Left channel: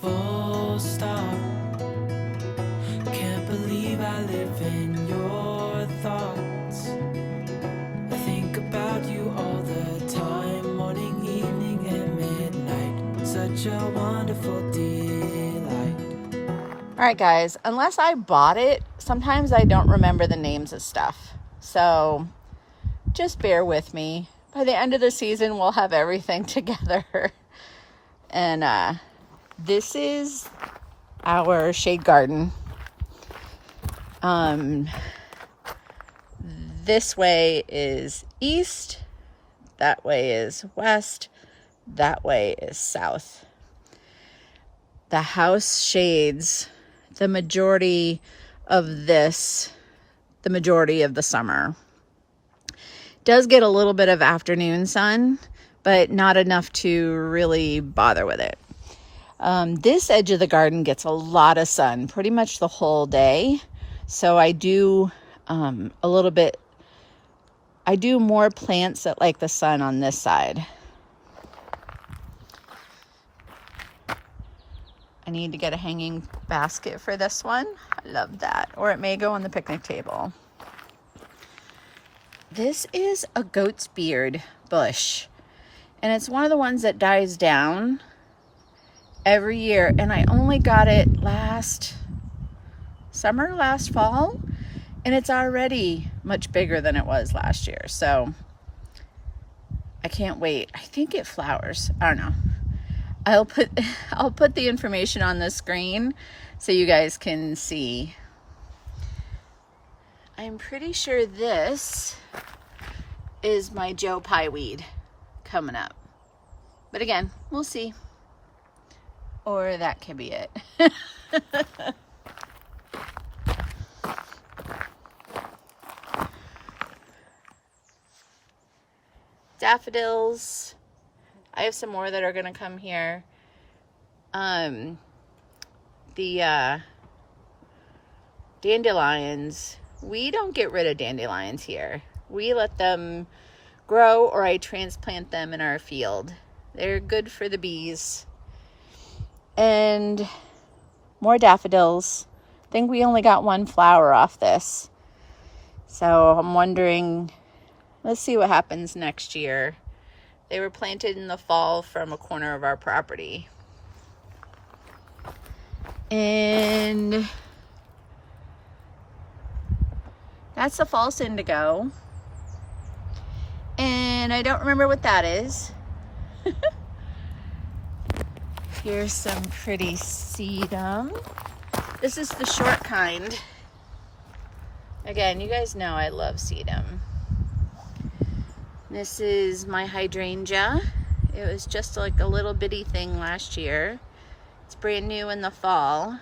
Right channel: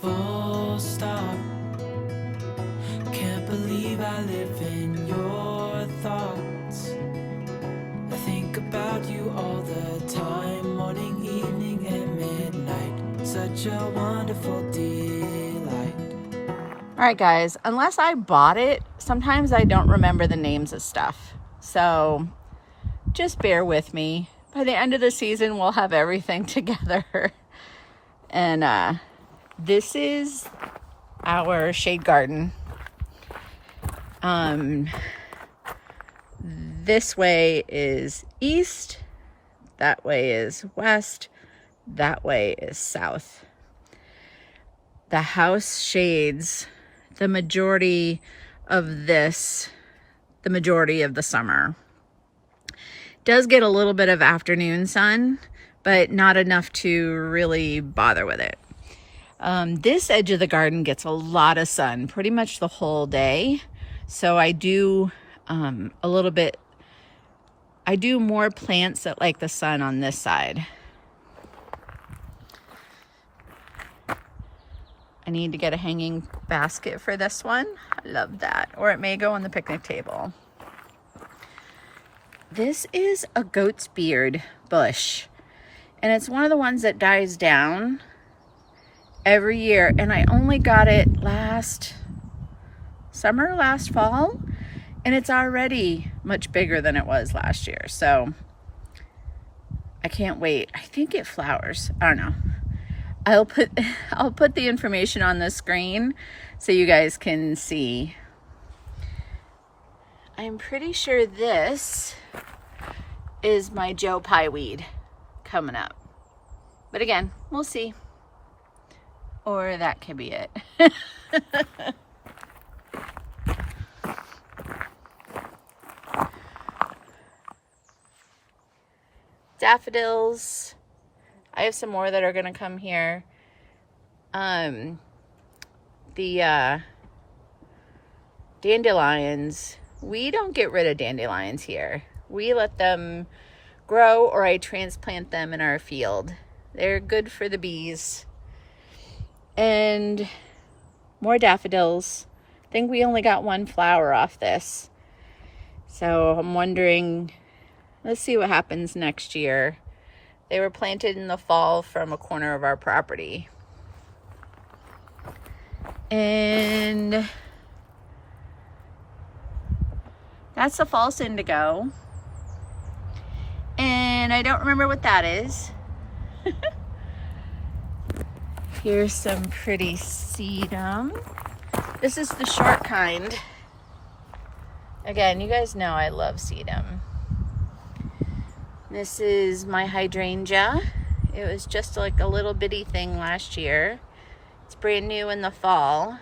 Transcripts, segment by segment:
Full stop. Can't believe I live in your thoughts. I think about you all the time, morning, evening, and midnight. Such a wonderful delight. All right, guys, unless I bought it, sometimes I don't remember the names of stuff. So just bear with me. By the end of the season, we'll have everything together. And this is our shade garden. This way is east, that way is west, that way is south. The house shades the majority of this, the majority of the summer. Does get a little bit of afternoon sun, but not enough to really bother with it. This edge of the garden gets a lot of sun pretty much the whole day. So I do I do more plants that like the sun on this side. I need to get a hanging basket for this one. I love that. Or it may go on the picnic table. This is a goat's beard bush. And it's one of the ones that dies down every year. And I only got it last fall. And it's already much bigger than it was last year. So I can't wait. I think it flowers. I don't know. I'll put the information on the screen so you guys can see. I'm pretty sure this is my Joe Pye weed coming up. But again, we'll see. Or that could be it. Daffodils. I have some more that are going to come here. The dandelions. We don't get rid of dandelions here. We let them grow, or I transplant them in our field. They're good for the bees. And more daffodils. I think we only got one flower off this. So I'm wondering, let's see what happens next year. They were planted in the fall from a corner of our property. And that's the false indigo. And I don't remember what that is. Here's some pretty sedum. This is the short kind. Again, you guys know I love sedum. This is my hydrangea. It was just like a little bitty thing last year. It's brand new in the fall.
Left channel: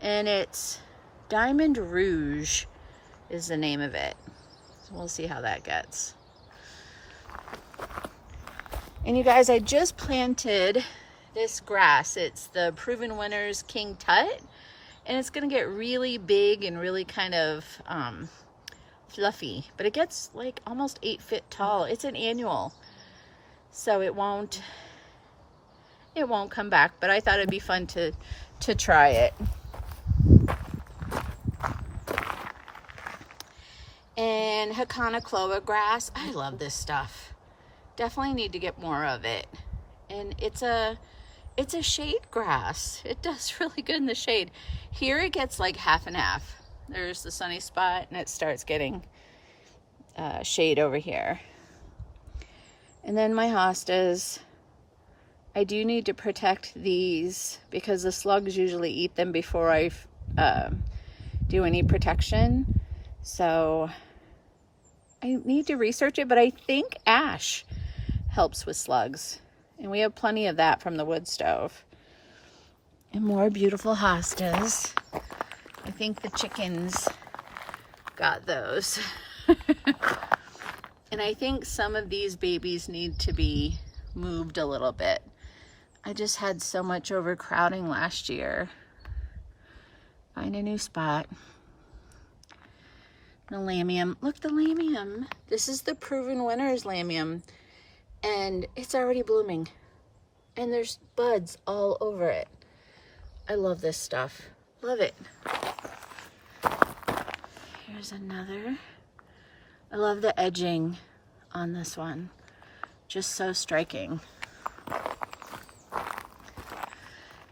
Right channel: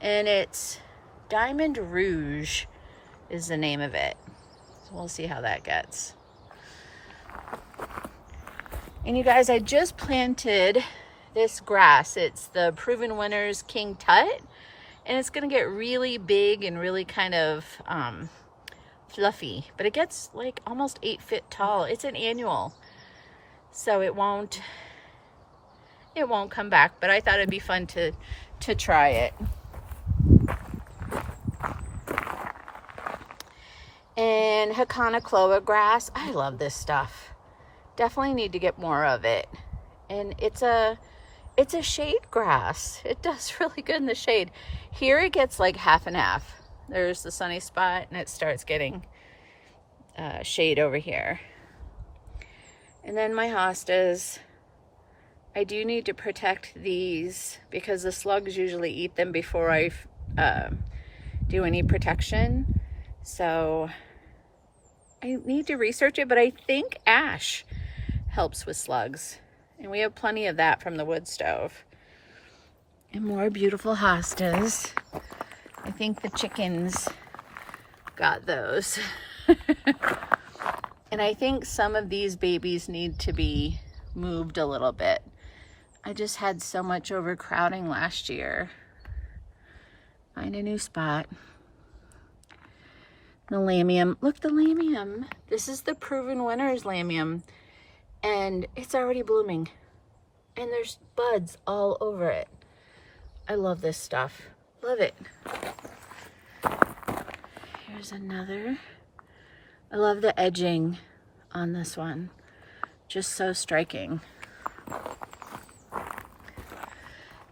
And it's Diamond Rouge is the name of it. So we'll see how that gets. And you guys, I just planted this grass. It's the Proven Winners King Tut. And it's gonna get really big and really kind of fluffy, but it gets like almost 8 feet tall. It's an annual, so it won't come back, but I thought it'd be fun to try it. And Hakanakloa grass. I love this stuff. Definitely need to get more of it. And it's a shade grass. It does really good in the shade. Here it gets like half and half. There's the sunny spot, and it starts getting shade over here. And then my hostas. I do need to protect these because the slugs usually eat them before I do any protection. So I need to research it, but I think ash helps with slugs. And we have plenty of that from the wood stove. And more beautiful hostas. I think the chickens got those. And I think some of these babies need to be moved a little bit. I just had so much overcrowding last year. Find a new spot. The lamium. Look, the lamium. This is the Proven Winners lamium. And it's already blooming. And there's buds all over it. I love this stuff. Love it. Here's another. I love the edging on this one. Just so striking.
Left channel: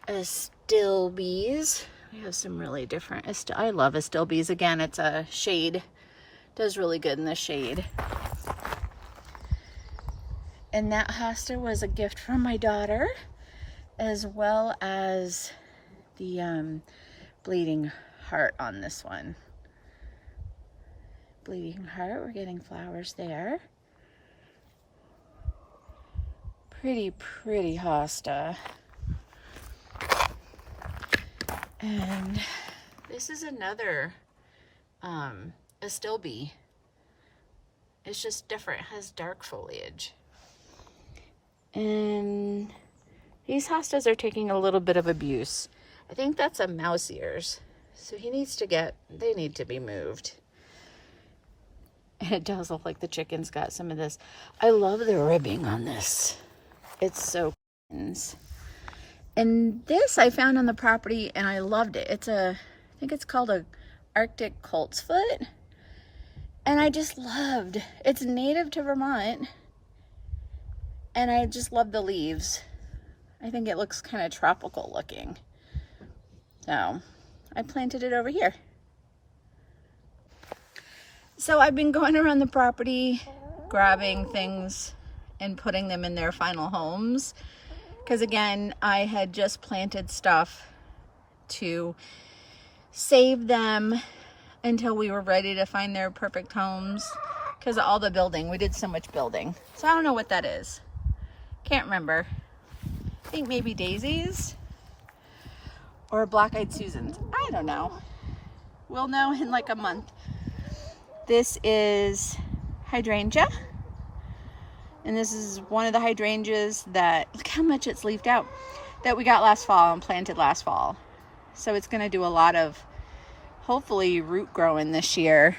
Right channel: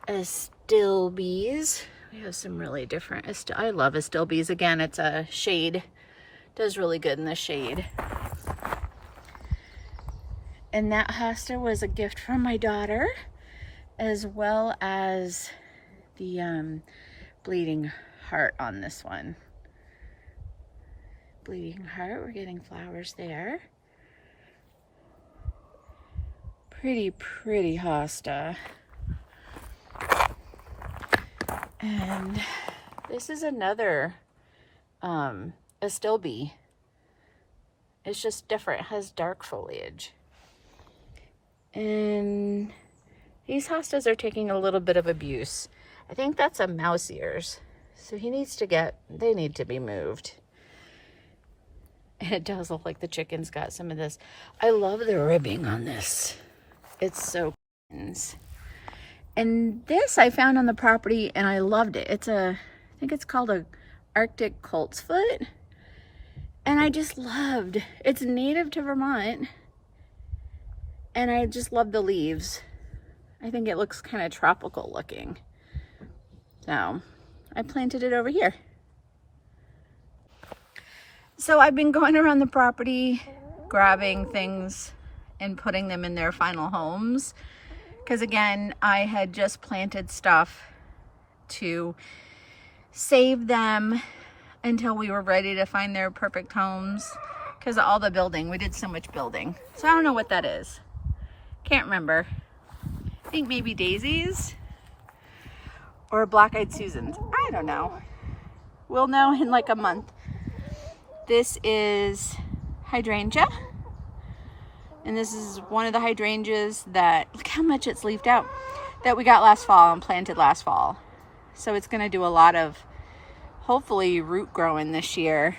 Astilbes. We have some really different, I love Astilbes. Again, it's a shade. Does really good in the shade. And that hosta was a gift from my daughter, as well as the bleeding heart on this one. Bleeding heart, we're getting flowers there. Pretty hosta. And this is another Astilbe. It's just different. It has dark foliage. And these hostas are taking a little bit of abuse. I think that's a mouse ears. So they need to be moved. And it does look like the chicken's got some of this. I love the ribbing on this. It's so nice. And this I found on the property and I loved it. I think it's called a Arctic coltsfoot. And I just loved, it's native to Vermont. And I just love the leaves. I think it looks kind of tropical looking. So I planted it over here. So I've been going around the property, grabbing things and putting them in their final homes. Because again, I had just planted stuff to save them until we were ready to find their perfect homes. Because of all the building, we did so much building. So I don't know what that is. Can't remember. I think maybe daisies or black-eyed Susans. I don't know. We'll know in like a month. This is hydrangea. And this is one of the hydrangeas that, look how much it's leafed out, that we got last fall and planted last fall. So it's going to do a lot of, hopefully, root growing this year.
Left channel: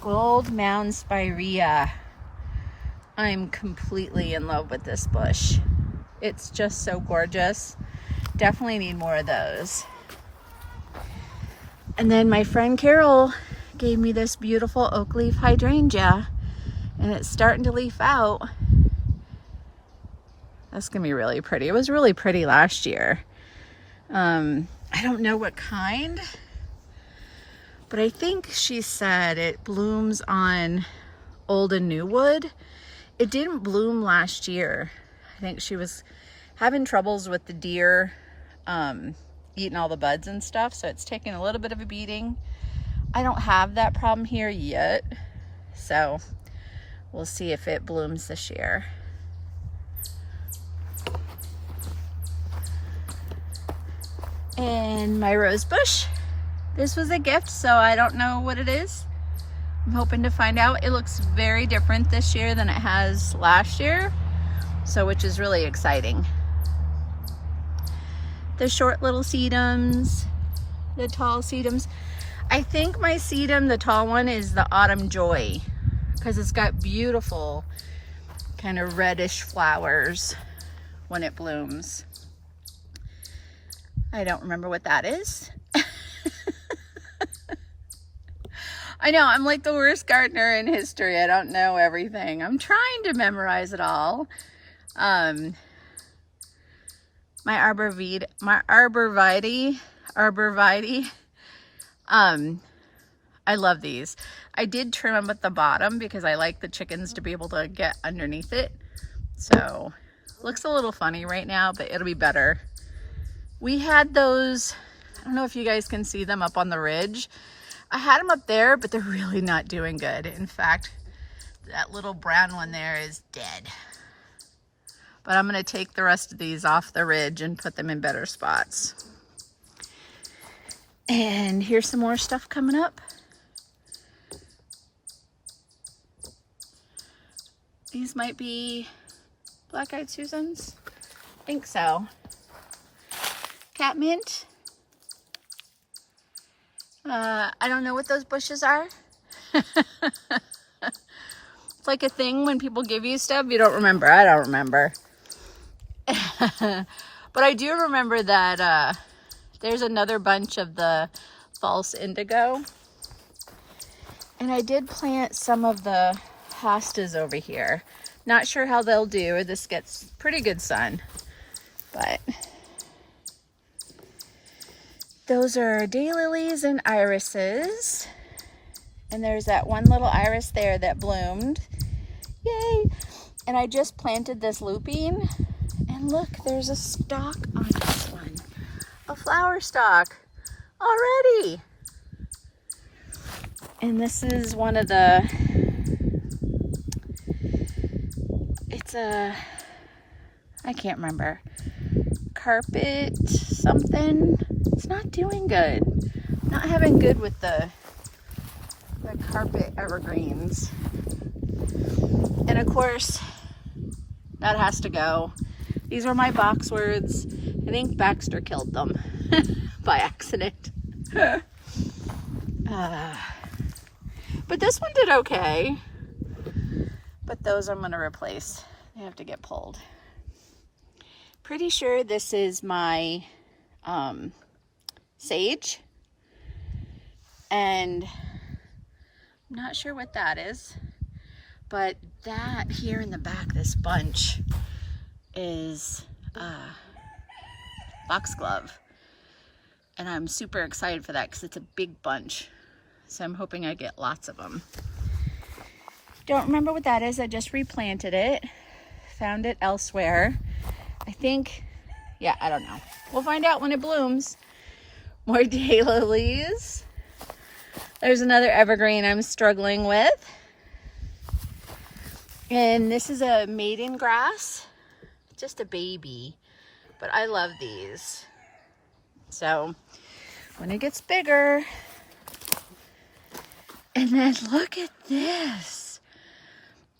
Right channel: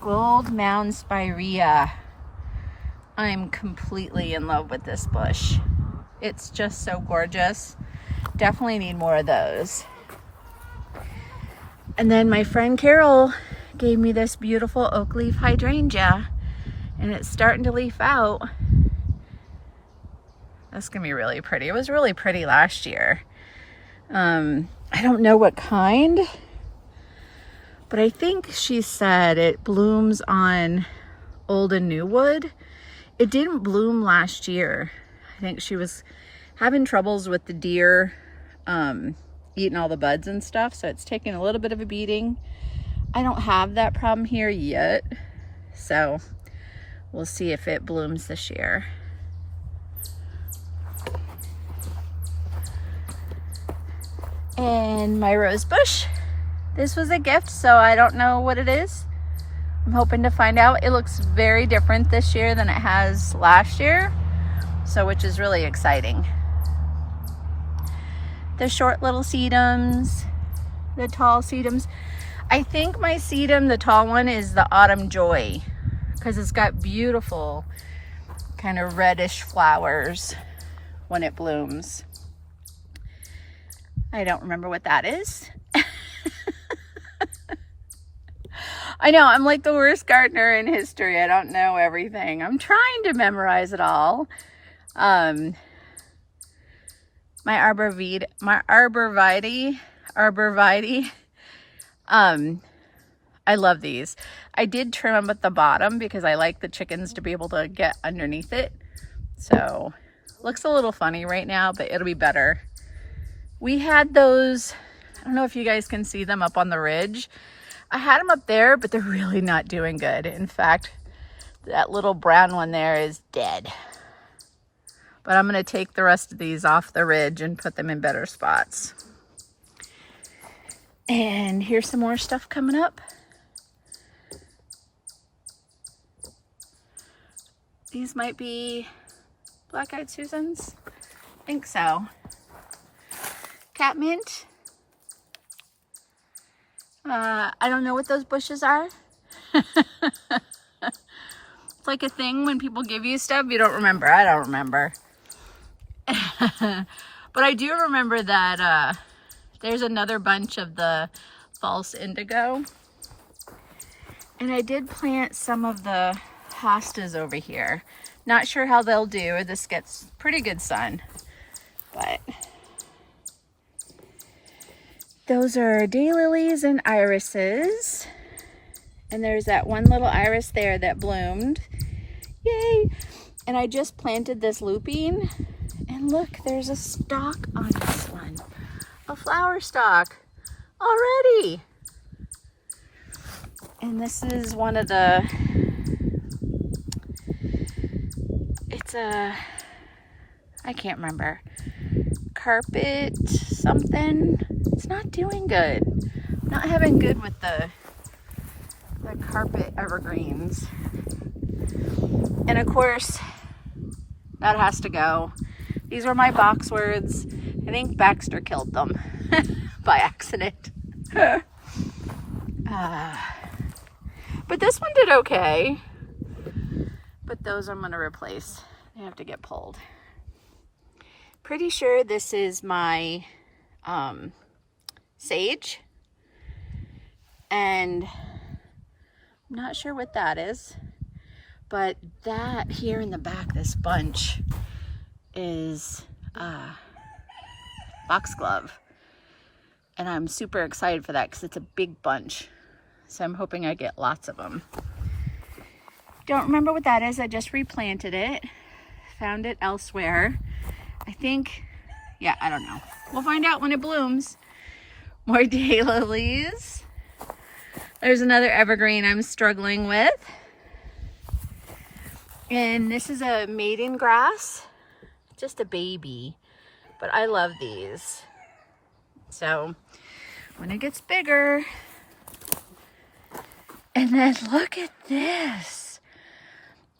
Gold Mound Spirea. I'm completely in love with this bush. It's just so gorgeous. Definitely need more of those. And then my friend Carol gave me this beautiful oak leaf hydrangea, and it's starting to leaf out. That's gonna be really pretty. It was really pretty last year. I don't know what kind, but I think she said it blooms on old and new wood. It didn't bloom last year. I think she was having troubles with the deer eating all the buds and stuff, so it's taking a little bit of a beating. I don't have that problem here yet, so we'll see if it blooms this year. And my rose bush. This was a gift, so I don't know what it is. I'm hoping to find out. It looks very different this year than it has last year, so which is really exciting. The short little sedums, the tall sedums. I think my sedum, the tall one, is the Autumn Joy, because it's got beautiful kind of reddish flowers when it blooms. I don't remember what that is. I know, I'm like the worst gardener in history. I don't know everything. I'm trying to memorize it all. My arborvitae, I love these. I did trim them at the bottom because I like the chickens to be able to get underneath it. So, looks a little funny right now, but it'll be better. We had those, I don't know if you guys can see them up on the ridge. I had them up there, but they're really not doing good. In fact, that little brown one there is dead. But I'm going to take the rest of these off the ridge and put them in better spots. And here's some more stuff coming up. These might be black-eyed Susans. I think so. Catmint. I don't know what those bushes are. It's like a thing when people give you stuff, you don't remember. I don't remember. But I do remember that there's another bunch of the false indigo. And I did plant some of the hostas over here. Not sure how they'll do. This gets pretty good sun. But those are daylilies and irises. And there's that one little iris there that bloomed. Yay! And I just planted this lupine. And look, there's a stalk on this one. A flower stalk already. And this is one of the, it's a, I can't remember, carpet something. It's not doing good. Not having good with the carpet evergreens. And of course, that has to go. These were my boxwoods. I think Baxter killed them by accident. But this one did okay. But those I'm going to replace. They have to get pulled. Pretty sure this is my sage. And I'm not sure what that is. But that here in the back, this bunch, is foxglove. And I'm super excited for that because it's a big bunch. So I'm hoping I get lots of them. Don't remember what that is. I just replanted it. Found it elsewhere. I think, yeah, I don't know. We'll find out when it blooms. More daylilies. There's another evergreen I'm struggling with. And this is a maiden grass. Just a baby. But I love these. So when it gets bigger. And then look at this.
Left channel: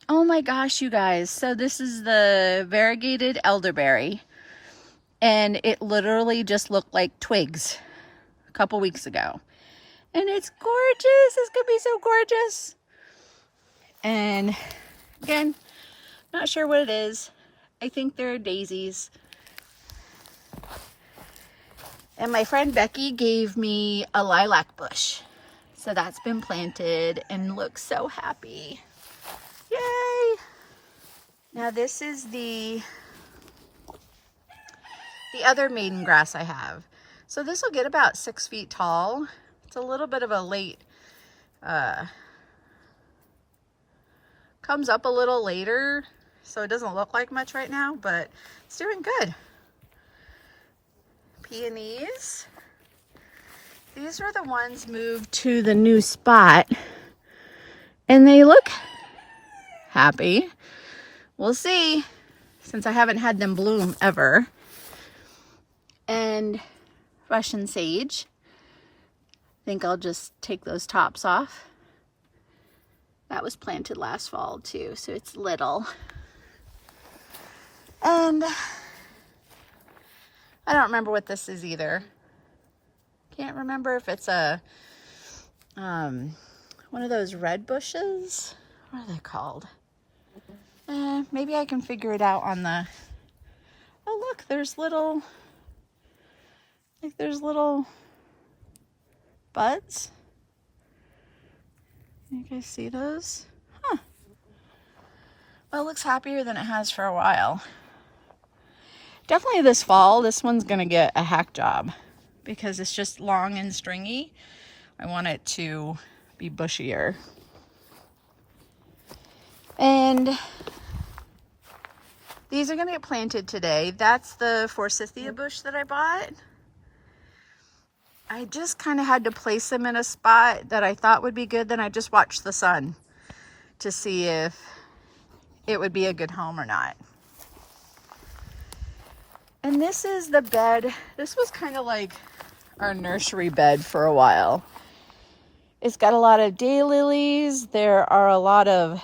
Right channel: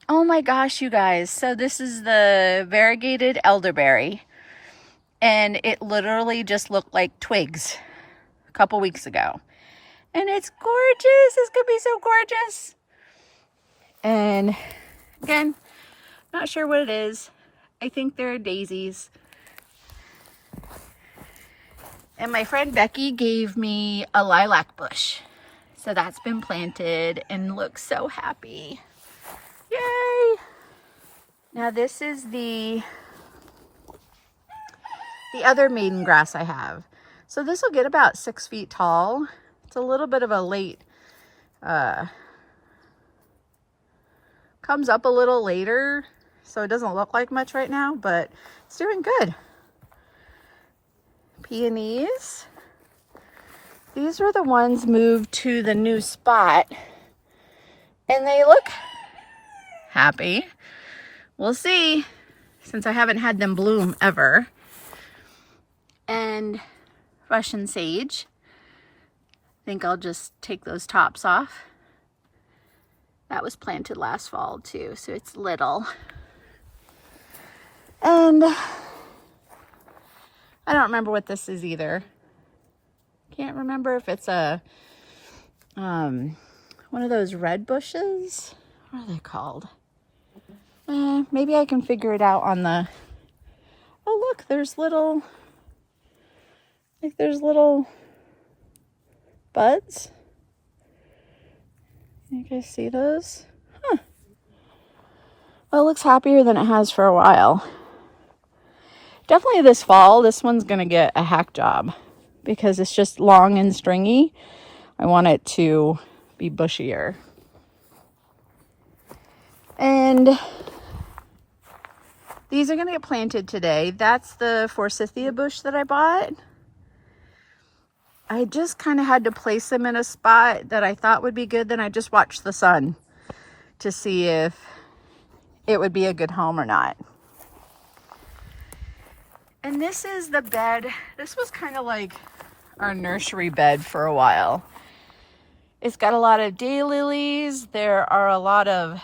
Oh my gosh, you guys. So this is the variegated elderberry. And it literally just looked like twigs a couple weeks ago. And it's gorgeous. It's gonna be so gorgeous. And again, not sure what it is. I think they're daisies. And my friend Becky gave me a lilac bush. So that's been planted and looks so happy. Yay! Now this is the other maiden grass I have. So this will get about 6 feet tall. It's a little bit of a late, comes up a little later. So it doesn't look like much right now, but it's doing good. Peonies. These were the ones moved to the new spot. And they look happy. We'll see, since I haven't had them bloom ever. And Russian sage. I think I'll just take those tops off. That was planted last fall too, so it's little. And I don't remember what this is either. Can't remember if it's a one of those red bushes. What are they called? Maybe I can figure it out on the. Oh look, there's little. Like there's little buds. You guys see those? Huh. Well, it looks happier than it has for a while. Definitely this fall, this one's gonna get a hack job because it's just long and stringy. I want it to be bushier. And these are gonna get planted today. That's the forsythia bush that I bought. I just kind of had to place them in a spot that I thought would be good. Then I just watched the sun to see if it would be a good home or not. And this is the bed. This was kind of like our nursery bed for a while. It's got a lot of daylilies. There are a lot of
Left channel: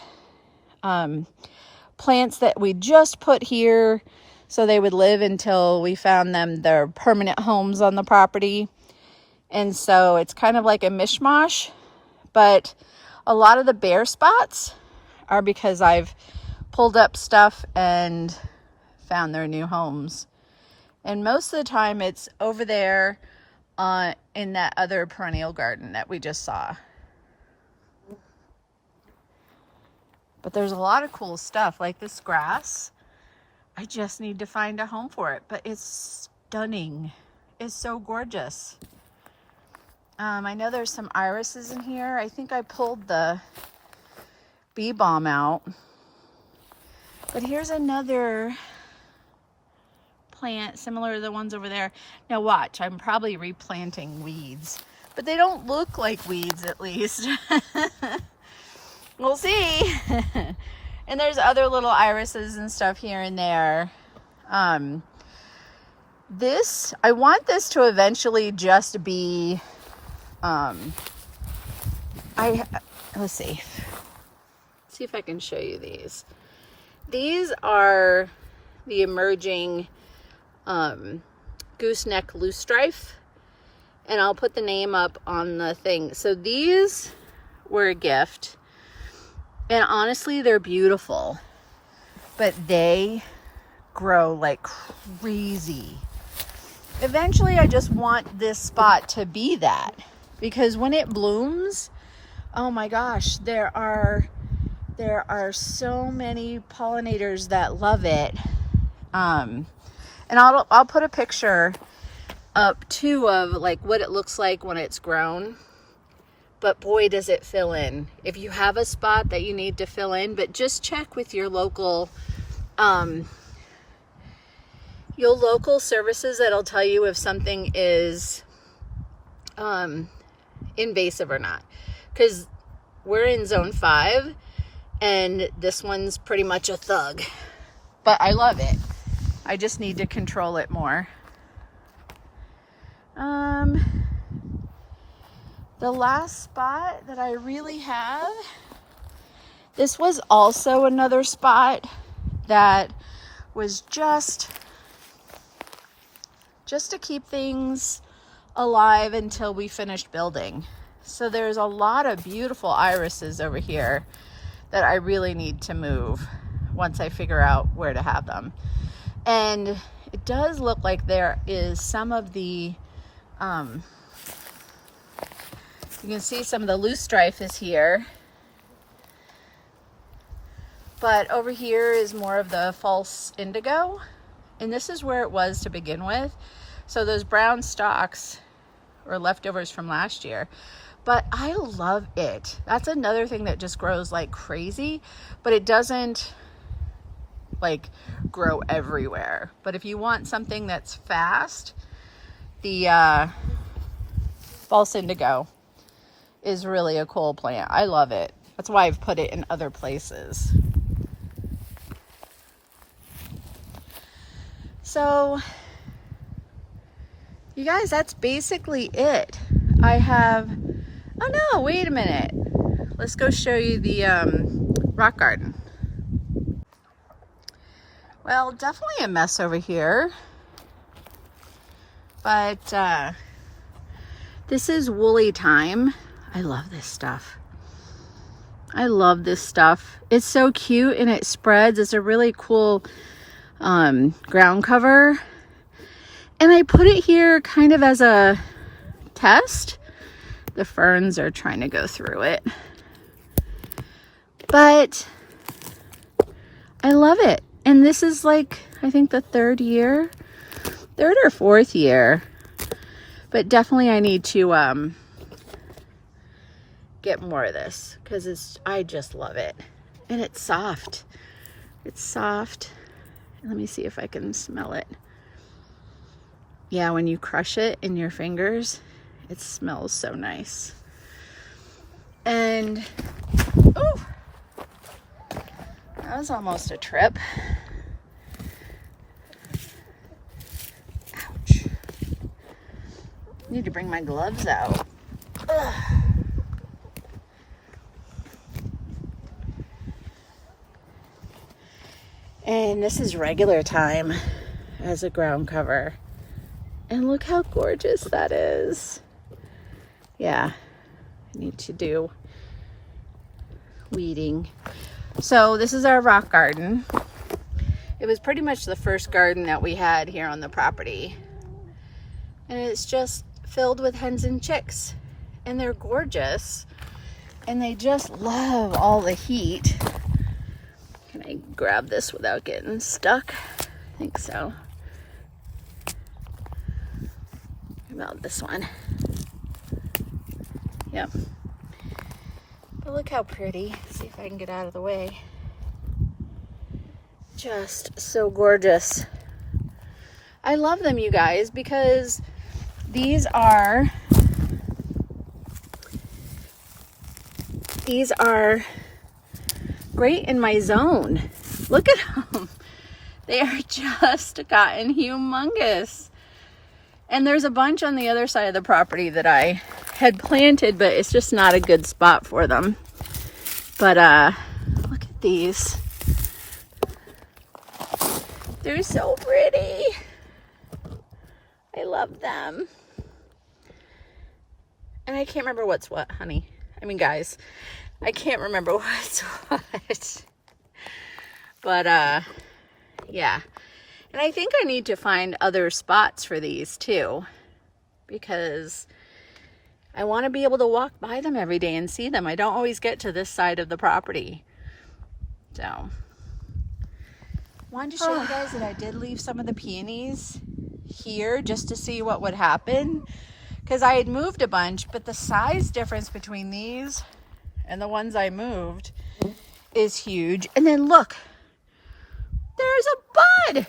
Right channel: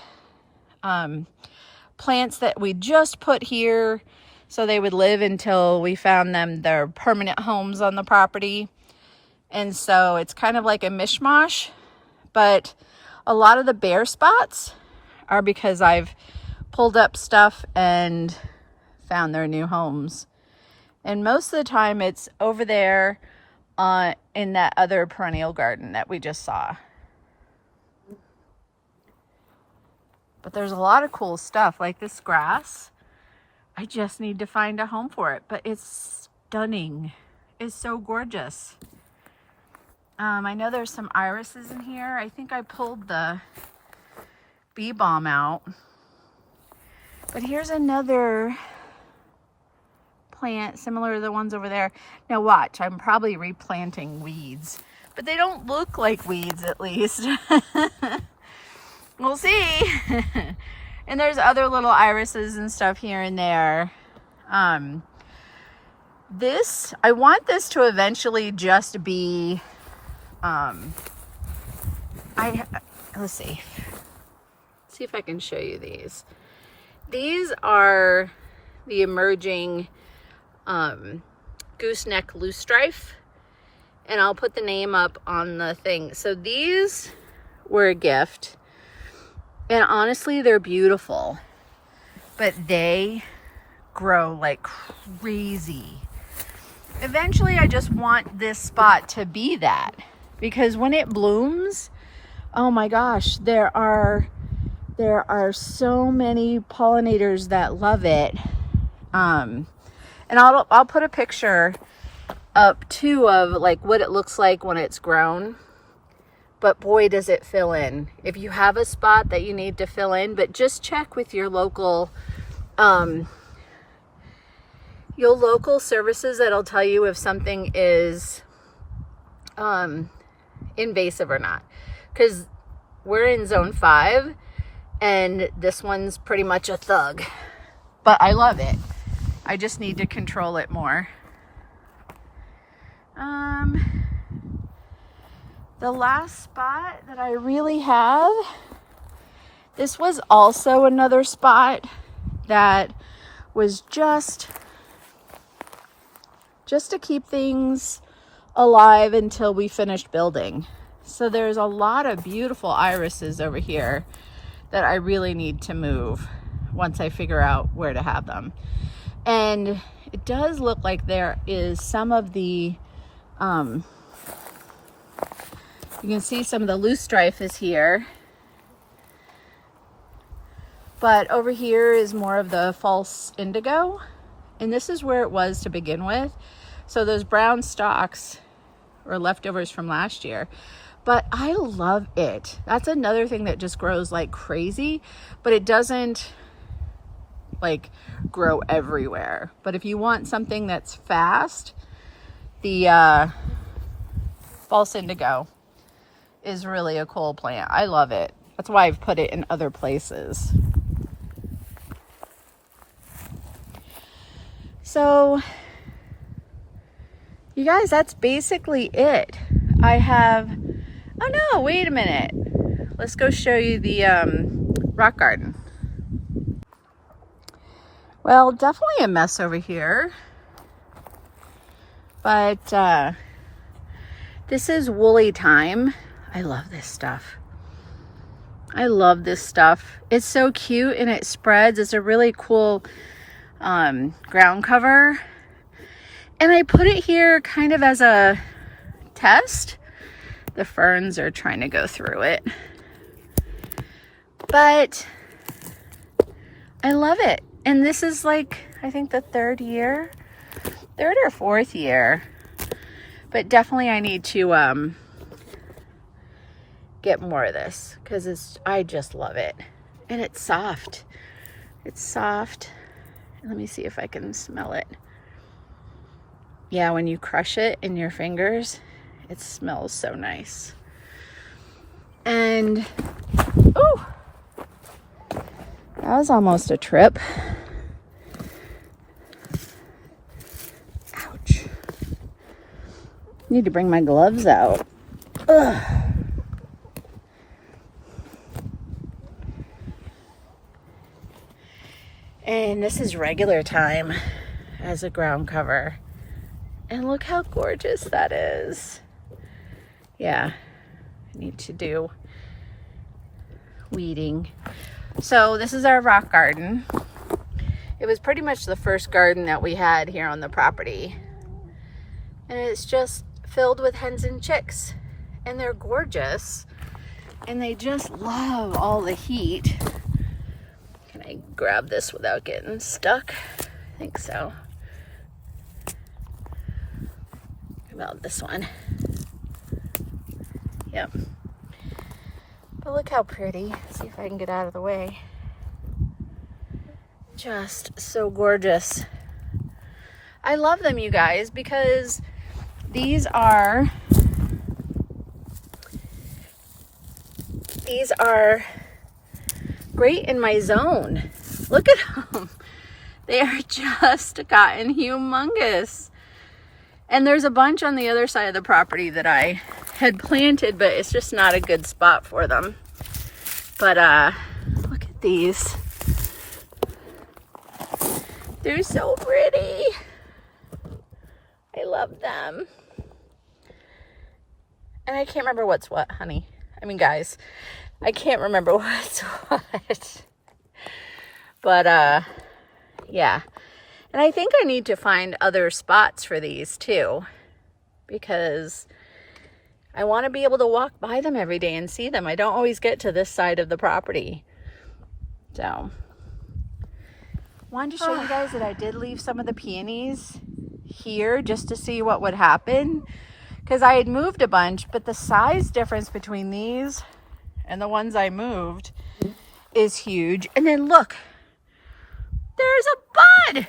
plants that we just put here so they would live until we found them their permanent homes on the property. And so it's kind of like a mishmash, but a lot of the bare spots are because I've pulled up stuff and found their new homes. And most of the time it's over there in that other perennial garden that we just saw. But there's a lot of cool stuff like this grass. I just need to find a home for it, but it's stunning. It's so gorgeous. I know there's some irises in here. I think I pulled the bee balm out. But here's another plant similar to the ones over there. Now watch, I'm probably replanting weeds, but they don't look like weeds, at least. We'll see. And there's other little irises and stuff here and there. I want this to eventually just be, let's see if I can show you these. These are the emerging gooseneck loosestrife, and I'll put the name up on the thing. So these were a gift, and honestly they're beautiful, but they grow like crazy. Eventually I just want this spot to be that, because when it blooms, oh my gosh, there are so many pollinators that love it. And I'll put a picture up too of like what it looks like when it's grown. But boy, does it fill in. If you have a spot that you need to fill in, but just check with your local services that'll tell you if something is invasive or not. Because we're in zone 5 and this one's pretty much a thug. But I love it. I just need to control it more. The last spot that I really have, this was also another spot that was just to keep things alive until we finished building. So there's a lot of beautiful irises over here that I really need to move once I figure out where to have them. And it does look like there is some of the, you can see some of the loosestrife is here. But over here is more of the false indigo. And this is where it was to begin with. So those brown stalks were leftovers from last year. But I love it. That's another thing that just grows like crazy. But it doesn't like grow everywhere. But if you want something that's fast, the false indigo is really a cool plant. I love it. That's why I've put it in other places. So you guys, that's basically it. I have, oh no, wait a minute. Let's go show you the rock garden. Well, definitely a mess over here. But this is woolly thyme. I love this stuff. I love this stuff. It's so cute and it spreads. It's a really cool ground cover. And I put it here kind of as a test. The ferns are trying to go through it. But I love it. And this is like, I think the third or fourth year. But definitely I need to get more of this because I just love it. And it's soft. It's soft. Let me see if I can smell it. Yeah, when you crush it in your fingers, it smells so nice. And, oh, that was almost a trip. Ouch. Need to bring my gloves out. Ugh. And this is regular thyme as a ground cover. And look how gorgeous that is. Yeah, I need to do weeding. So this is our rock garden. It was pretty much the first garden that we had here on the property. And it's just filled with hens and chicks. And they're gorgeous. And they just love all the heat. Can I grab this without getting stuck? I think so. About this one. Yep. But look how pretty. See if I can get out of the way. Just so gorgeous. I love them, you guys, because these are great in my zone. Look at them. They are just gotten humongous. And there's a bunch on the other side of the property that I had planted, but it's just not a good spot for them. But look at these. They're so pretty. I love them. And I can't remember what's what, honey. I mean, guys, I can't remember what's what. But, yeah. And I think I need to find other spots for these too, because I want to be able to walk by them every day and see them. I don't always get to this side of the property. So, wanted to show you guys that I did leave some of the peonies here just to see what would happen, because I had moved a bunch, but the size difference between these and the ones I moved is huge. And then look, there's a bud.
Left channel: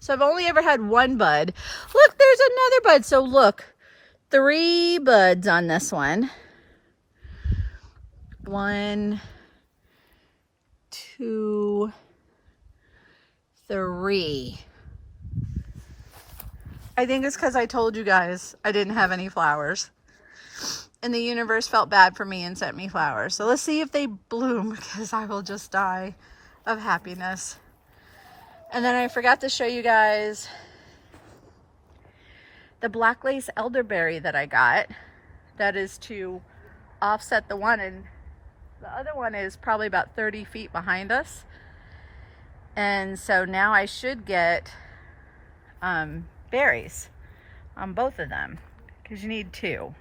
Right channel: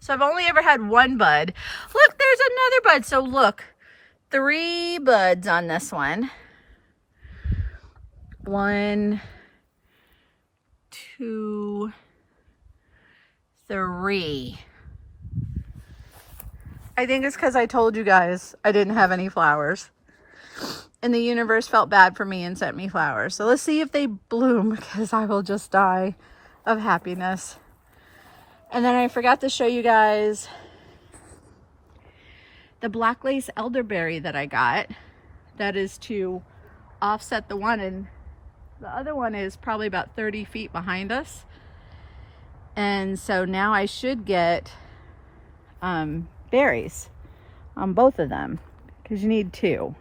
So I've only ever had one bud. Look, there's another bud. So look, 3 buds on this one. 1, 2, 3. I think it's because I told you guys I didn't have any flowers. And the universe felt bad for me and sent me flowers. So let's see if they bloom, because I will just die of happiness. And then I forgot to show you guys the black lace elderberry that I got. That is to offset the one, and the other one is probably about 30 feet behind us. And so now I should get berries on both of them, because you need 2.